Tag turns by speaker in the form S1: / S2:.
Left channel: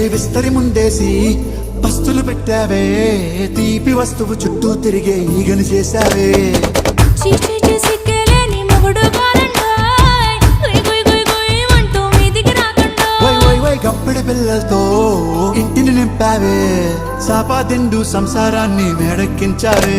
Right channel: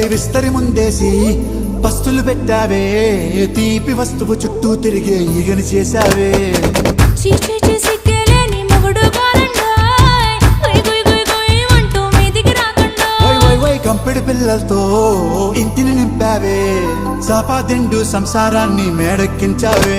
S1: విస్తరి ముందేసి పస్తులు పెట్టావే తీపి వస్తువు చుట్టూ తిరిగే ఈగలు చేశావే.
S2: చీచీ మొగుడు
S1: పిల్లలతో ఇంటిని నింపావే సాపాదిండు సంసారాన్ని మేడెక్కించావే.